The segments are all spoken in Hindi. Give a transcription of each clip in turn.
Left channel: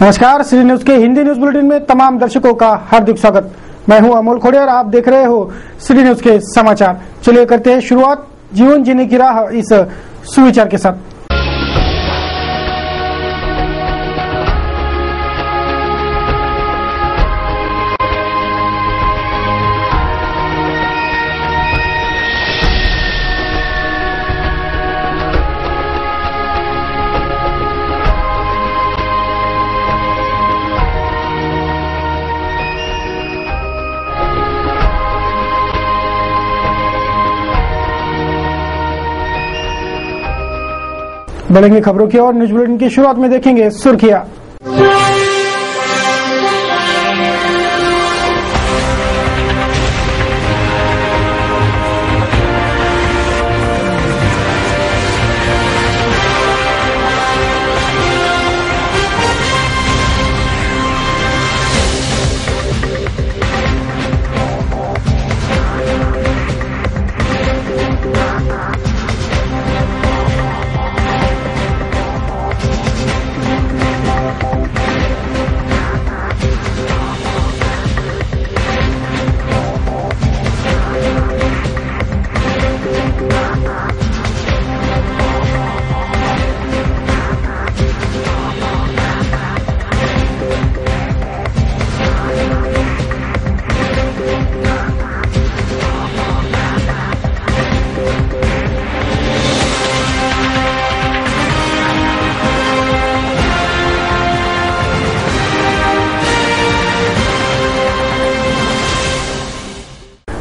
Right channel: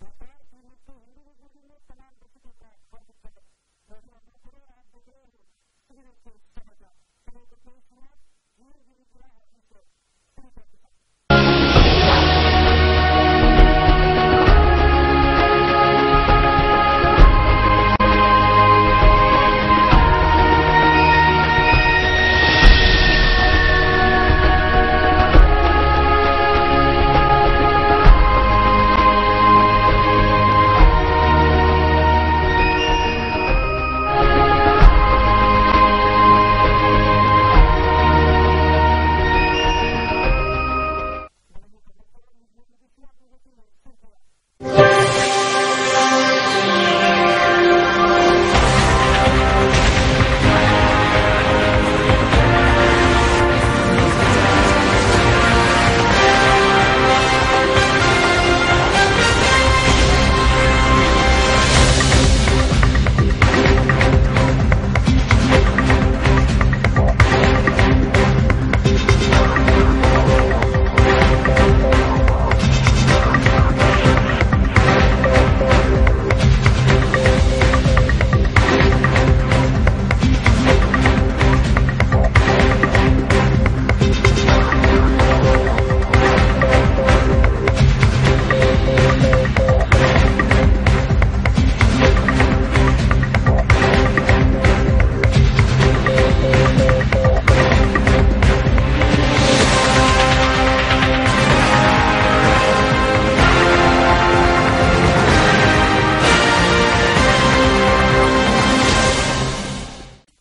नमस्कार, श्री न्यूज के हिंदी न्यूज बुलेटिन में तमाम दर्शकों का हार्दिक स्वागत। मैं हूं अमोल खोड़े और आप देख रहे हो श्री न्यूज के समाचार। चलिए करते हैं शुरुआत जीवन जीने की राह इस सुविचार के साथ। बढ़ेंगे खबरों की और न्यूज बुलेटिन की शुरुआत में देखेंगे सुर्खियां।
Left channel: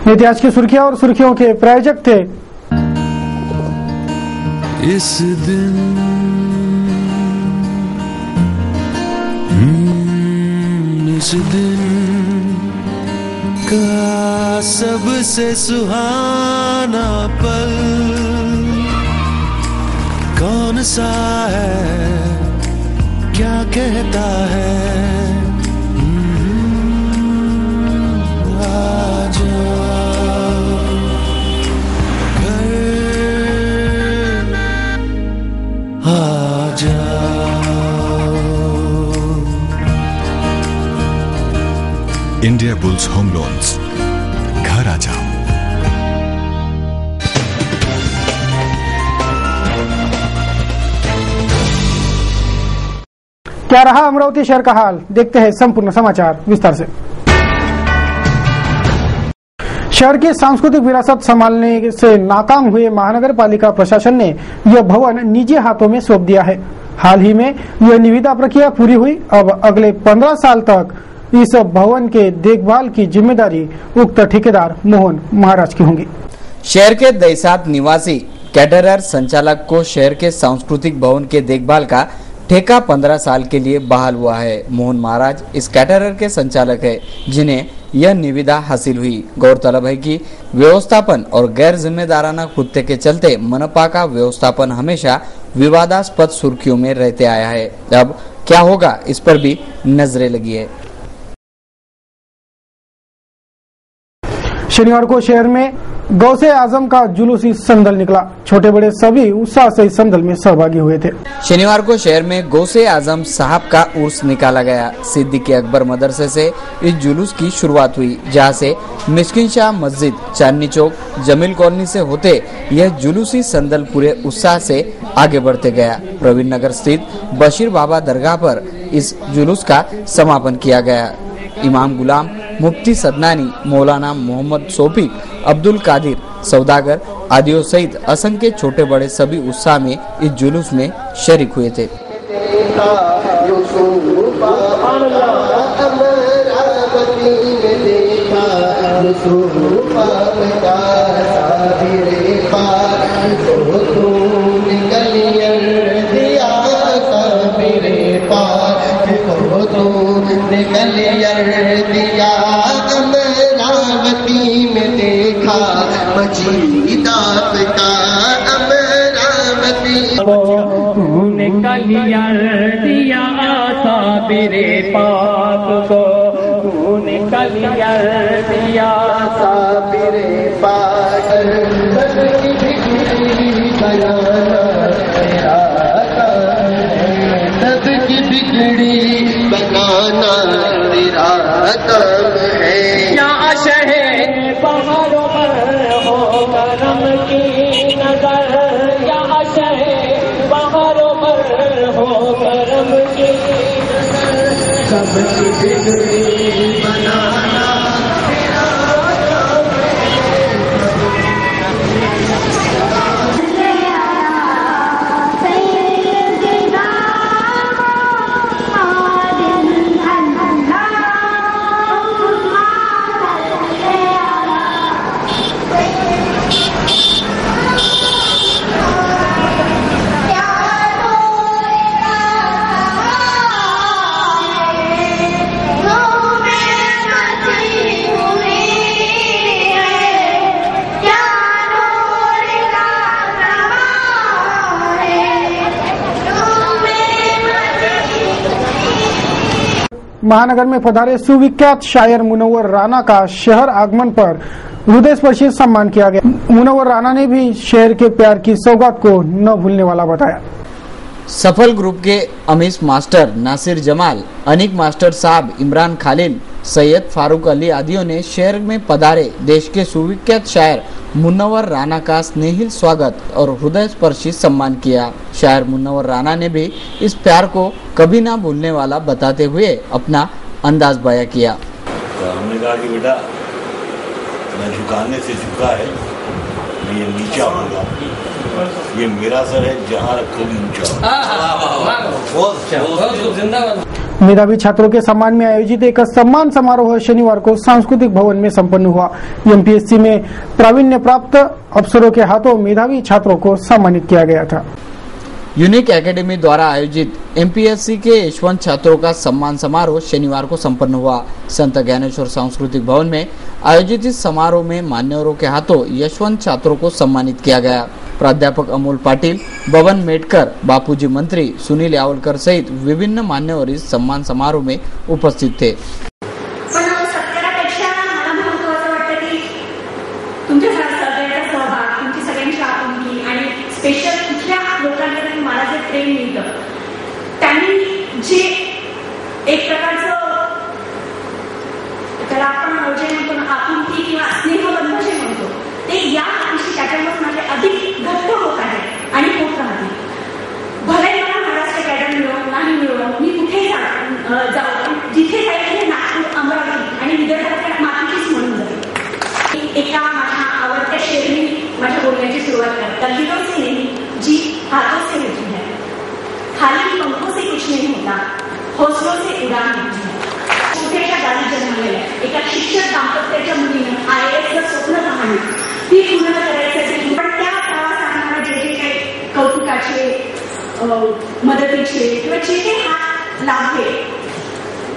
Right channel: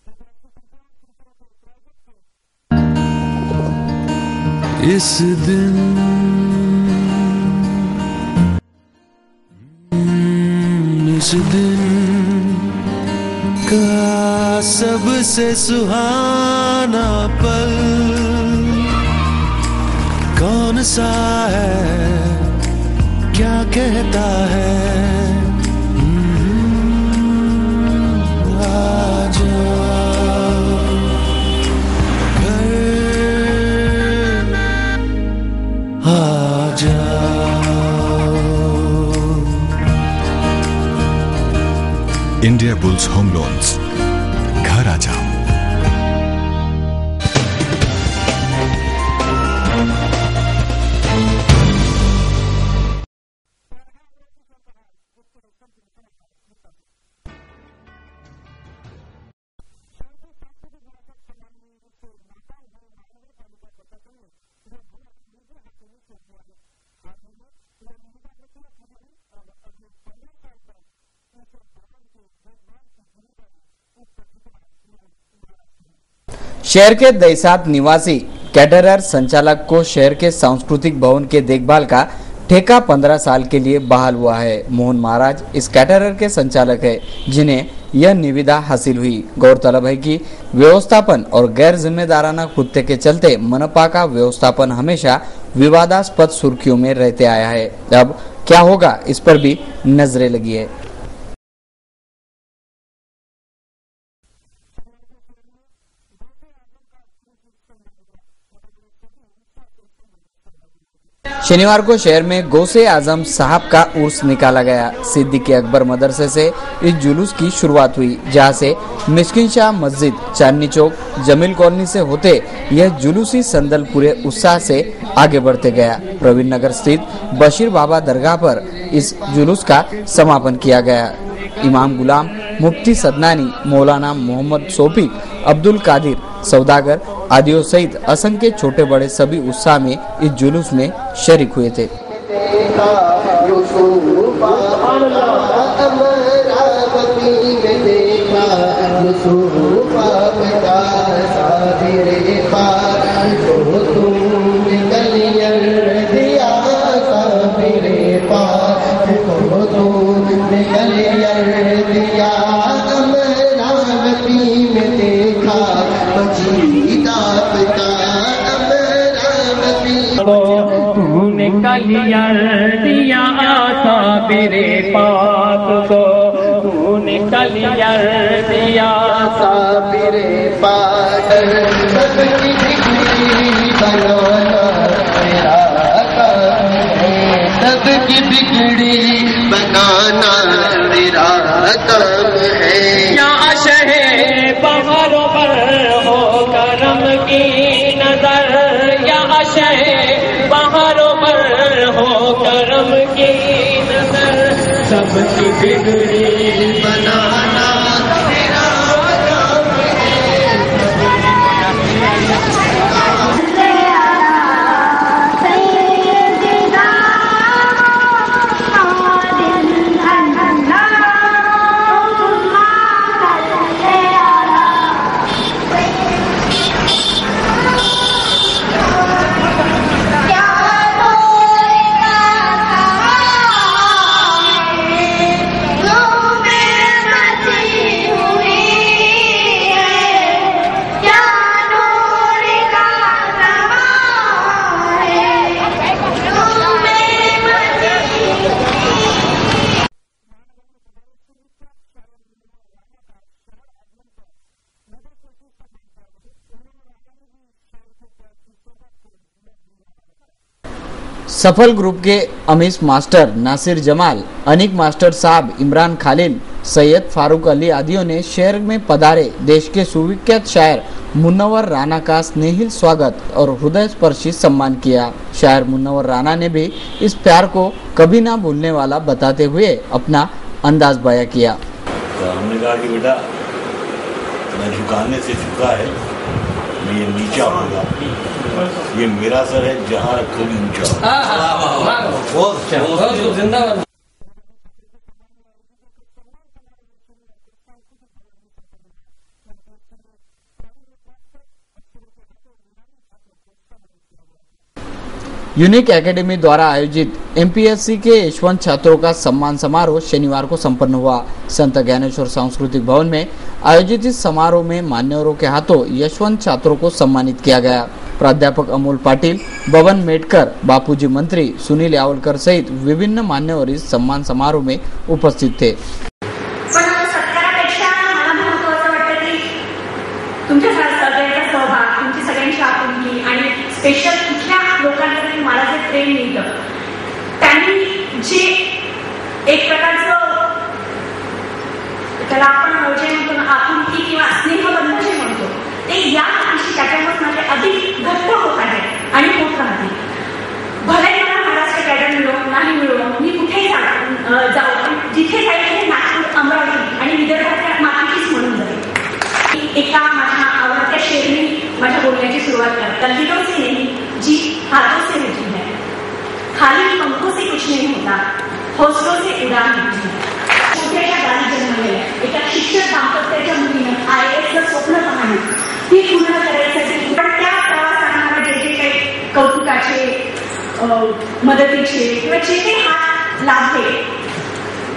इतिहास की सुर्खियां और सुर्खियों के प्रायोजक थे। इस दिन का सबसे सुहाना पल कौन सा है, क्या कहता है? इंडिया बुल्स होम लोन्स, घर आ जाओ। क्या रहा अमरावती शहर का हाल, देखते हैं संपूर्ण समाचार विस्तार से। शहर की सांस्कृतिक विरासत संभालने से नाकाम हुए महानगर पालिका प्रशासन ने यह भवन निजी हाथों में सौंप दिया है। हाल ही में यह निविदा प्रक्रिया पूरी हुई। अब अगले 15 साल तक इस भवन के देखभाल की जिम्मेदारी उक्त ठेकेदार मोहन महाराज की होगी। शहर के दैसात निवासी कैटरर संचालक को शहर के सांस्कृतिक भवन के देखभाल का ठेका 15 साल के लिए बहाल हुआ है। मोहन महाराज इस कैटरर के संचालक है, जिन्हें यह निविदा हासिल हुई। गौरतलब है कि व्यवस्थापन और गैर जिम्मेदाराना कृत्य के चलते मनपा का व्यवस्थापन हमेशा विवादास्पद सुर्खियों में रहते आया है। अब क्या होगा, इस पर भी नजरें लगी है। शनिवार को शहर में गौसे आजम का जुलूसी संदल निकला। छोटे बड़े सभी उत्साह से इस संदल में सहभागी हुए थे। शनिवार को शहर में गौसे आजम साहब का उर्स निकाला गया। सिद्दीकी अकबर मदरसे से इस जुलूस की शुरुआत हुई, जहां से मिस्किन शाह मस्जिद, चांदनी चौक, जमील कॉलोनी से होते यह जुलूसी संदल पूरे उत्साह से आगे बढ़ते गया। प्रवीण नगर स्थित बशीर बाबा दरगाह पर इस जुलूस का समापन किया गया। इमाम गुलाम, मुफ्ती सदनानी, मौलाना मोहम्मद सोफी, अब्दुल कादिर, सौदागर आदियों सहित असंख्य छोटे बड़े सभी उत्साह में इस जुलूस में शरीक हुए थे। दिया साबिरे पाक को, तूने कलियर दिया साबिरे पाक, सबकी बिगड़ी बनाना तेरा काम है, सबकी बिगड़ी पहाड़ों पर हो करम की नजर, या शह पहाड़ों पर हो करम की नजर, सबकी बिगड़ी बनाना महानगर में पधारे सुविख्यात शायर मुनव्वर राना का शहर आगमन पर हृदयस्पर्शी सम्मान किया गया। मुनव्वर राना ने भी शहर के प्यार की सौगात को न भूलने वाला बताया। सफल ग्रुप के अमीश मास्टर, नासिर जमाल, अनिक मास्टर साहब, इमरान खालिल, सैयद फारूक अली आदियों ने शहर में पधारे देश के सुविख्यात शायर मुनव्वर राना का स्नेहिल स्वागत और हृदयस्पर्शी सम्मान किया। शायर मुनव्वर राना ने भी इस प्यार को कभी ना भूलने वाला बताते हुए अपना अंदाज बयां किया। तो हमने कहा कि बेटा मैं झुकाने से झुका है, मैं ये नीचा होगा, ये मेरा सर है, जहाँ रखोगी ऊंचा। मेधावी छात्रों के सम्मान में आयोजित एक सम्मान समारोह शनिवार को सांस्कृतिक भवन में संपन्न हुआ। एमपीएससी में प्रावीण्य प्राप्त अफसरों के हाथों मेधावी छात्रों को सम्मानित किया गया था। यूनिक एकेडमी द्वारा आयोजित एमपीएससी के यशवंत छात्रों का सम्मान समारोह शनिवार को संपन्न हुआ। संत ज्ञानेश्वर सांस्कृतिक भवन में आयोजित इस समारोह में मान्यवरों के हाथों यशवंत छात्रों को सम्मानित किया गया। प्राध्यापक अमोल पाटिल, बबन मेटकर, बापूजी मंत्री, सुनील यावलकर सहित विभिन्न मान्यवर इस सम्मान समारोह में उपस्थित थे। स्पेशल कुठल्या लोकांकडे मला जे प्रेम मिळतं त्यांनी जे एक प्रकारचं त्याला आपण जे म्हणतो ना आपुलकी किंवा स्नेहबंध जे म्हणतो ते या दिवशी त्याच्यामुळे माझे अधिक घट्ट होत आहे आणि होत राहते। भले मला महाराष्ट्र कॅडर मिळो नाही मिळो, मी कुठेही जाऊ, जिथे जाईल तिथे नागपूर, अमरावती आणि विदर्भाच्या मातीचीच म्हणून जाईल। एका माझ्या आवडत्या शेरनी माझ्या बोलण्याची सुरुवात करतात। तलविरों से नहीं जी हाथों से होती है, खाली पंखों से कुछ नहीं होता, हौसलों से उड़ान होती है। छोट्याशा गावी जन्मलेल्या एका शिक्षक दाम्पत्याच्या मुलीनं IASचं स्वप्न पाहणं ती पूर्ण करायसाठी पण त्या प्रवासांना जे जे काही कौतुकाचे मदतीचे किंवा जे काही हात लाभले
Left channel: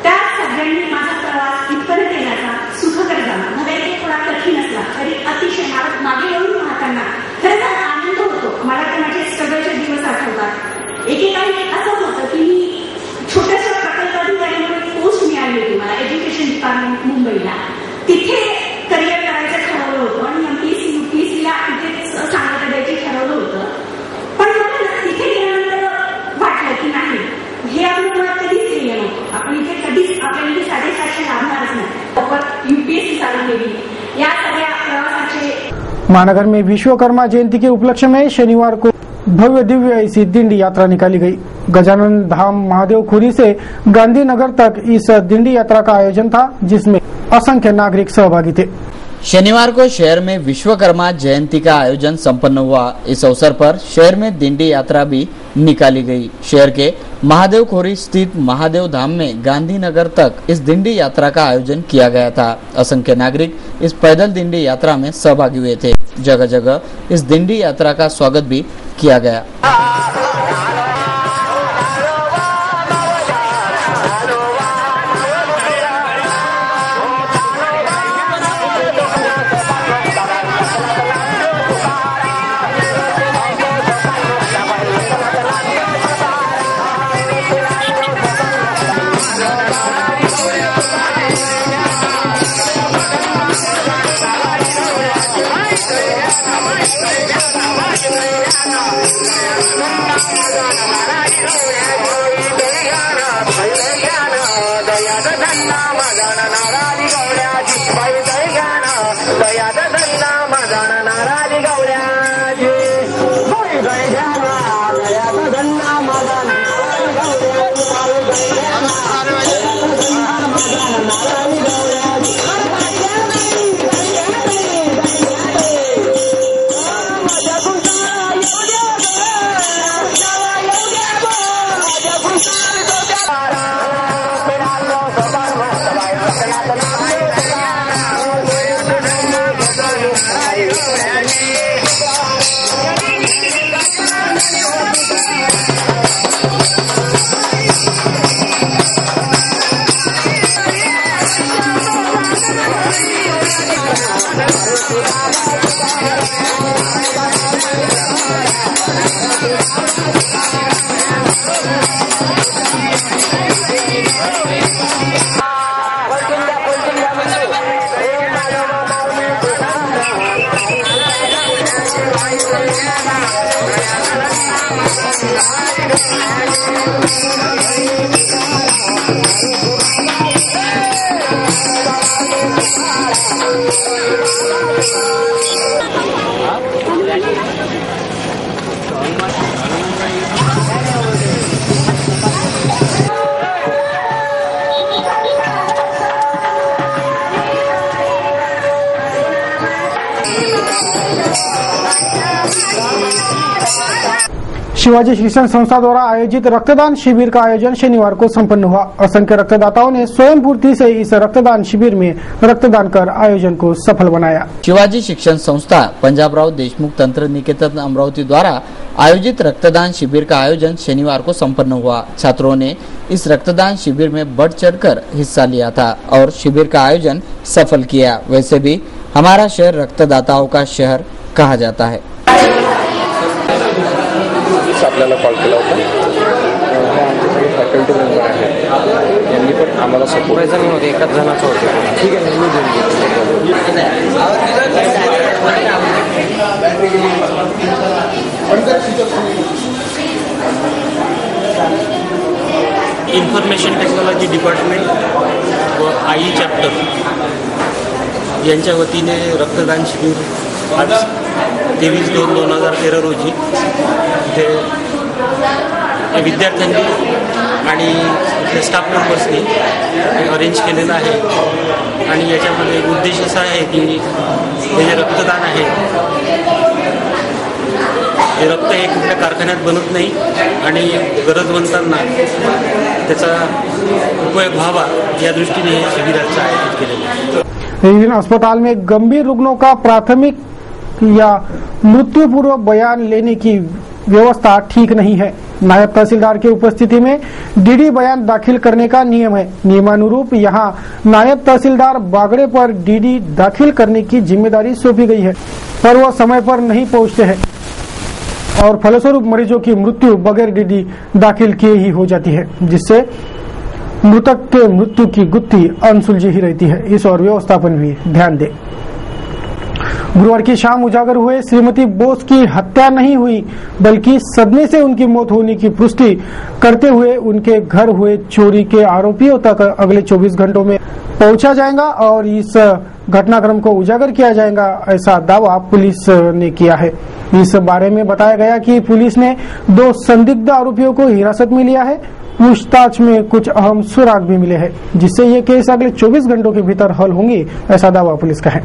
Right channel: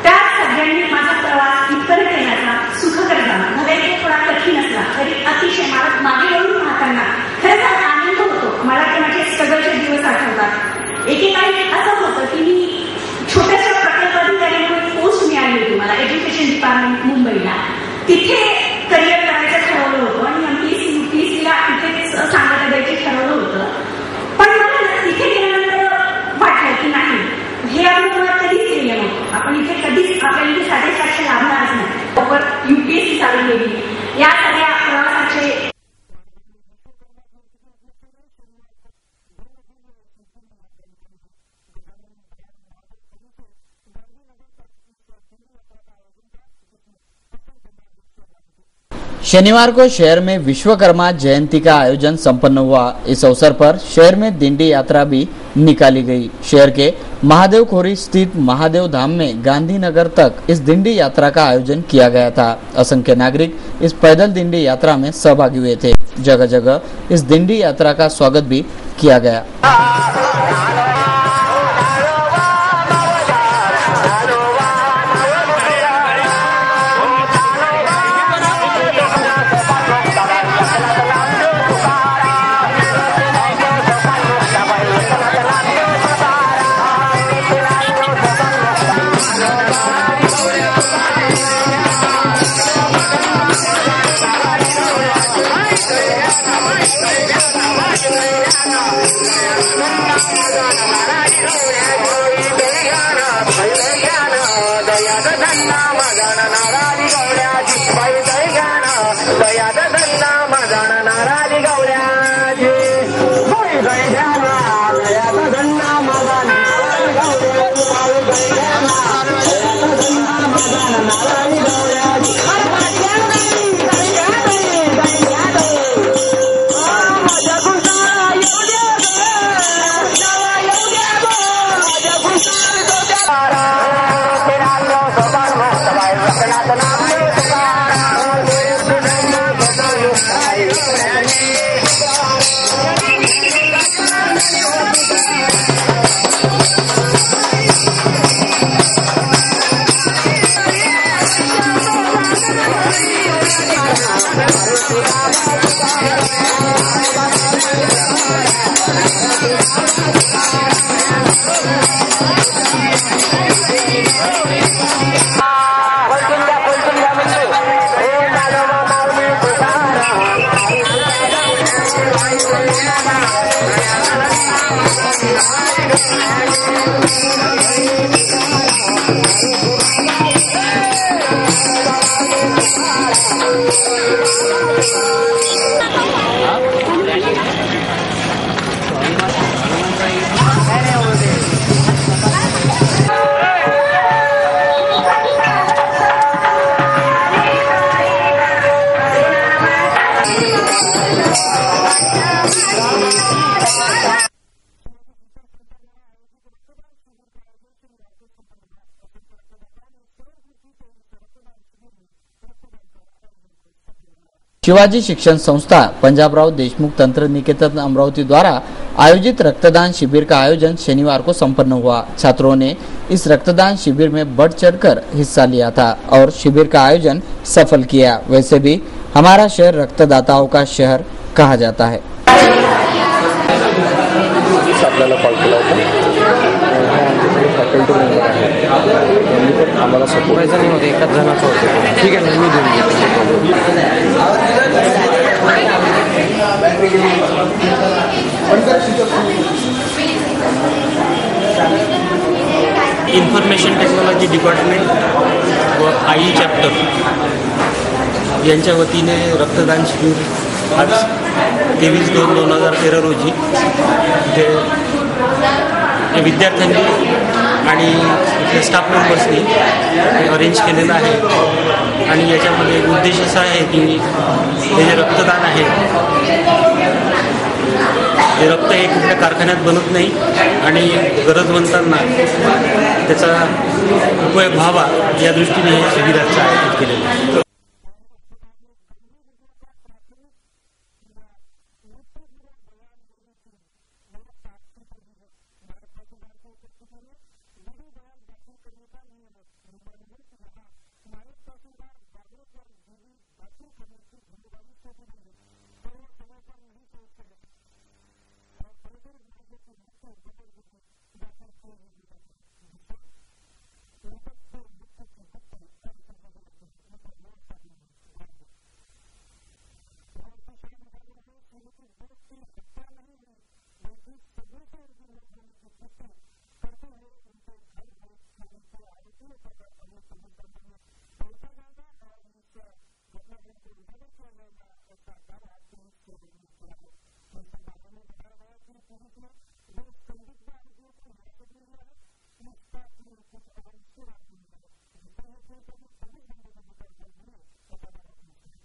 त्या सगळ्यांनी माझा प्रवास इथपर्यंत येण्याचा सुखकर झाला। भले ते थोडा कठीण असला तरी अतिशय मला मागे वळून पाहताना खरंच आनंद होतो। मला ते माझे स्ट्रगलचे दिवस आठवतात। एकेकाळी असं होतं की मी छोट्याशा प्रकल्प अधिकाऱ्यांकडून पोस्ट मिळाली होती मला एज्युकेशन डिपार्टमेंट मुंबईला, तिथे करिअर करायचं ठरवलं होतं आणि MPSC UPSCला तिथे सांगता द्यायचे ठरवलं होतं। पण मला तिथे गेल्यानंतर वाटलं की नाही, हे आपण मुळात कधीच केलं नव्हतं, आपण इथे कधीच आपल्याला इथे सॅटिस्फॅक्शन लाभणारच नाही। UPSC चालू केली, या सगळ्या प्रवासाचे। महानगर में विश्वकर्मा जयंती के उपलक्ष्य में शनिवार को भव्य दिव्य ऐसी दिंडी यात्रा निकाली गई। गजानन धाम महादेव खुरी से गांधीनगर तक इस दिंडी यात्रा का आयोजन था, जिसमें असंख्य नागरिक सहभागी थे। शनिवार को शहर में विश्वकर्मा जयंती का आयोजन संपन्न हुआ। इस अवसर पर शहर में दिंडी यात्रा भी निकाली गई। शहर के महादेव खोरी स्थित महादेव धाम में गांधीनगर तक इस दिंडी यात्रा का आयोजन किया गया था। असंख्य नागरिक इस पैदल दिंडी यात्रा में सहभागी हुए थे। जगह जगह इस दिंडी यात्रा का स्वागत भी किया गया। दया शिवाजी शिक्षण संस्था द्वारा आयोजित रक्तदान शिविर का आयोजन शनिवार को संपन्न हुआ। असंख्य रक्तदाताओं ने स्वयं पूर्ति से इस रक्तदान शिविर में रक्तदान कर आयोजन को सफल बनाया। शिवाजी शिक्षण संस्था पंजाबराव देशमुख तंत्र निकेतन अमरावती द्वारा आयोजित रक्तदान शिविर का आयोजन शनिवार को संपन्न हुआ। छात्रों ने इस रक्तदान शिविर में बढ़ चढ़कर हिस्सा लिया था और शिविर का आयोजन सफल किया। वैसे भी हमारा शहर रक्तदाताओं का शहर कहा जाता है। आपल्याला कॉल केला होता, आमच्याकडे फॅकल्टी मेंबर आहे, त्यांनी पण आम्हाला सपोर्ट नाही होते, एकाच जणाचं होतं. ठीक आहे, मी देऊन इन्फॉर्मेशन टेक्नॉलॉजी डिपार्टमेंट व आई चॅप्टर यांच्या वतीने रक्तदान शिबिर आज 23/2/2013 रोजी ते विद्यार्थ्यांनी आणि स्टाफ मेंबर्सनी अरेंज केलेलं आहे आणि याच्यामध्ये उद्देश असा आहे की हे जे रक्तदान आहे हे रक्त हे कुठल्या कारखान्यात बनत नाही आणि गरजवंतांना त्याचा उपयोग व्हावा या दृष्टीने हे शिबिराचं आयोजित केलेलं आहे। विभिन्न अस्पताल में गंभीर रुग्णों का प्राथमिक या मृत्यु पूर्व बयान लेने की व्यवस्था ठीक नहीं है। नायब तहसीलदार की उपस्थिति में डीडी बयान दाखिल करने का नियम है। नियमानुरूप यहाँ नायब तहसीलदार बागड़े पर डीडी दाखिल करने की जिम्मेदारी सौंपी गई है, पर वह समय पर नहीं पहुँचते हैं और फलस्वरूप मरीजों की मृत्यु बगैर डीडी दाखिल किए ही हो जाती है, जिससे मृतक के मृत्यु की गुत्थी अनसुलझी ही रहती है। इस और व्यवस्थापन भी ध्यान दे। गुरुवार की शाम उजागर हुए श्रीमती बोस की हत्या नहीं हुई बल्कि सदमे से उनकी मौत होने की पुष्टि करते हुए उनके घर हुए चोरी के आरोपियों तक अगले 24 घंटों में पहुंचा जाएगा और इस घटनाक्रम को उजागर किया जाएगा, ऐसा दावा पुलिस ने किया है। इस बारे में बताया गया कि पुलिस ने 2 संदिग्ध आरोपियों को हिरासत में लिया है। पूछताछ में कुछ अहम सुराग भी मिले हैं, जिससे ये केस अगले 24 घंटों के भीतर हल होंगे, ऐसा दावा पुलिस का है।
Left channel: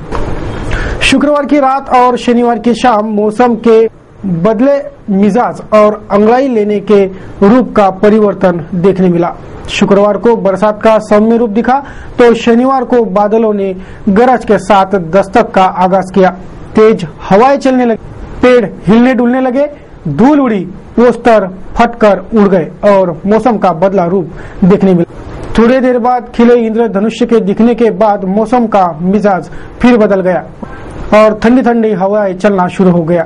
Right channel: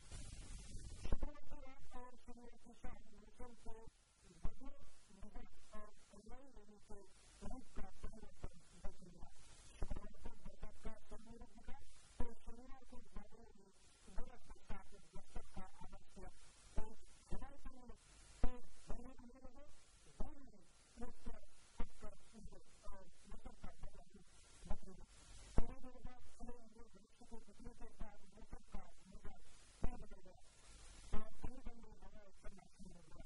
शुक्रवार की रात और शनिवार की शाम मौसम के बदले मिजाज और अंगड़ाई लेने के रूप का परिवर्तन देखने मिला। शुक्रवार को बरसात का सौम्य रूप दिखा तो शनिवार को बादलों ने गरज के साथ दस्तक का आगाज किया। तेज हवाएं चलने लगी, पेड़ हिलने डुलने लगे, धूल उड़ी, पोस्टर फटकर उड़ गए और मौसम का बदला रूप देखने मिला। थोड़ी देर बाद खिले इंद्रधनुष के दिखने के बाद मौसम का मिजाज फिर बदल गया और ठंडी ठंडी हवाएं चलना शुरू हो गया।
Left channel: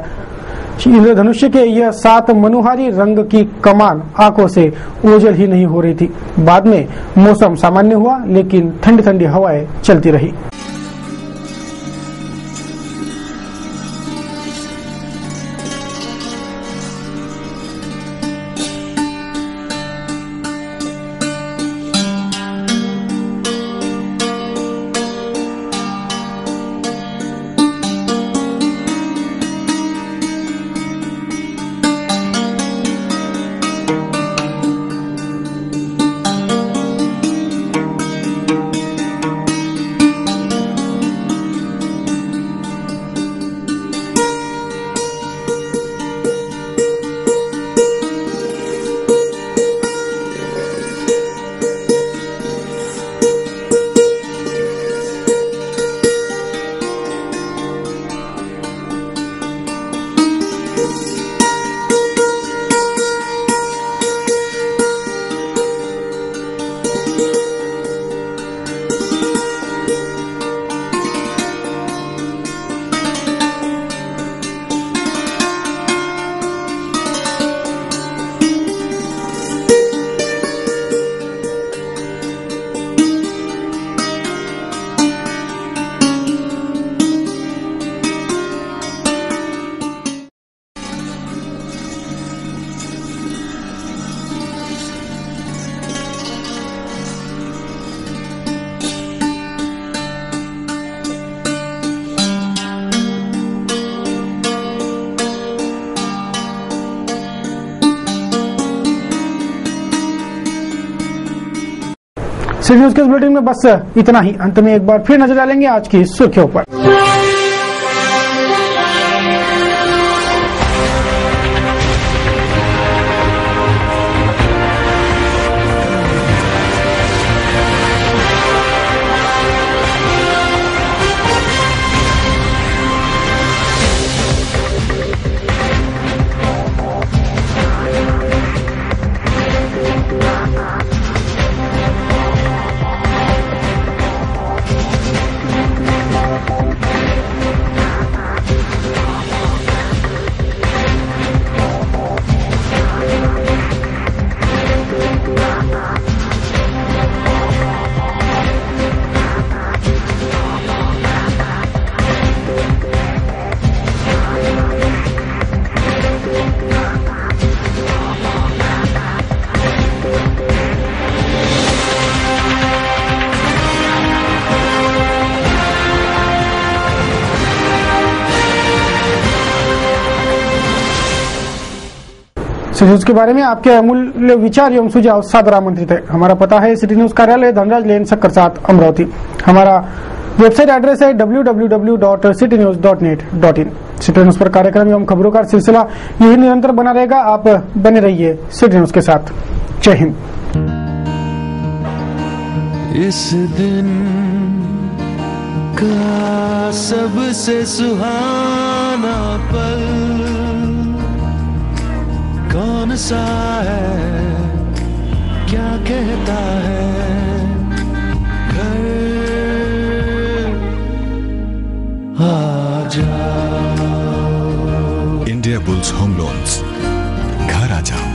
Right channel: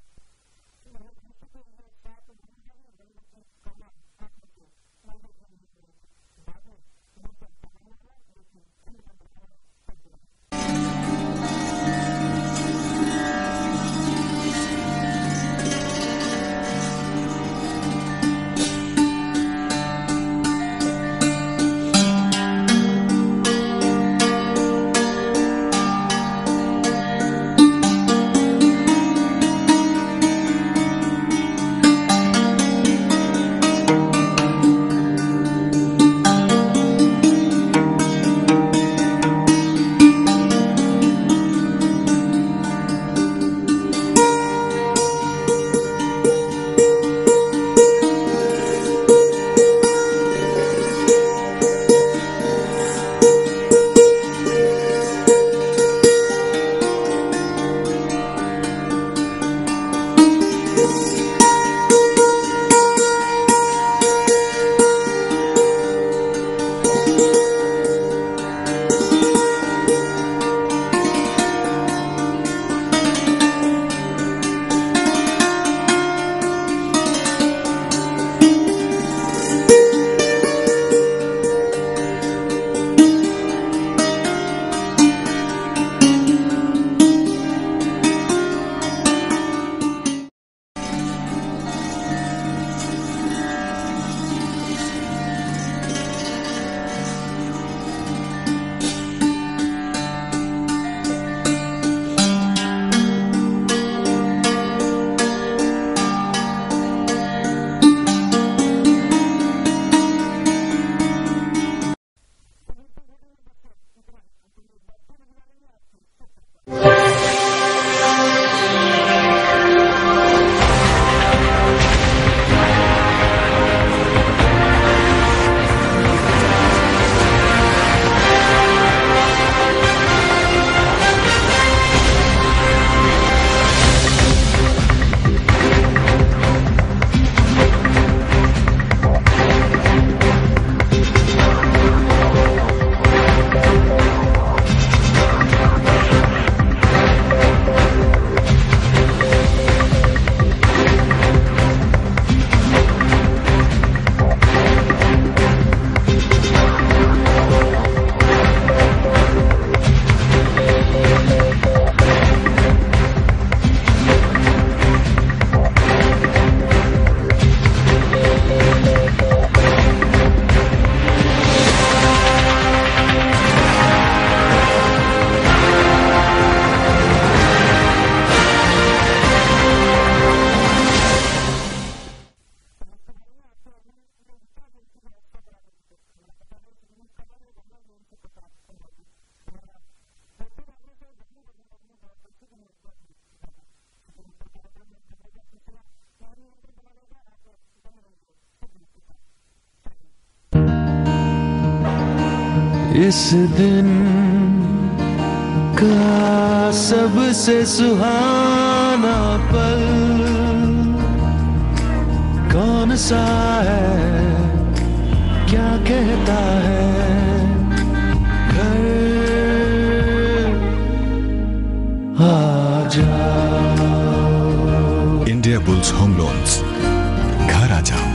इंद्रधनुष के यह 7 मनोहारी रंग की कमान आंखों से ओझल ही नहीं हो रही थी। बाद में मौसम सामान्य हुआ, लेकिन ठंडी ठंडी हवाएं चलती रही। सिटी न्यूज के इस बुलेटिन में बस इतना ही। अंत में एक बार फिर नजर डालेंगे आज की सुर्खियों पर। सिटी न्यूज के बारे में आपके अमूल्य विचार एवं सुझाव सादर आमंत्रित है। हमारा पता है सिटी न्यूज कार्यालय धनराज लेन शक्कर 7 अमरावती। हमारा वेबसाइट एड्रेस है www.citynews.net.in। सिटी न्यूज पर कार्यक्रम एवं खबरों का सिलसिला यही निरंतर बना रहेगा। आप बने रहिए सिटी न्यूज के साथ। जय हिंद। इस दिन का सबसे सुहाना पल कौन सा है, क्या कहता है घर आ जाओ। इंडिया बुल्स होम लोन्स, घर आ जाओ।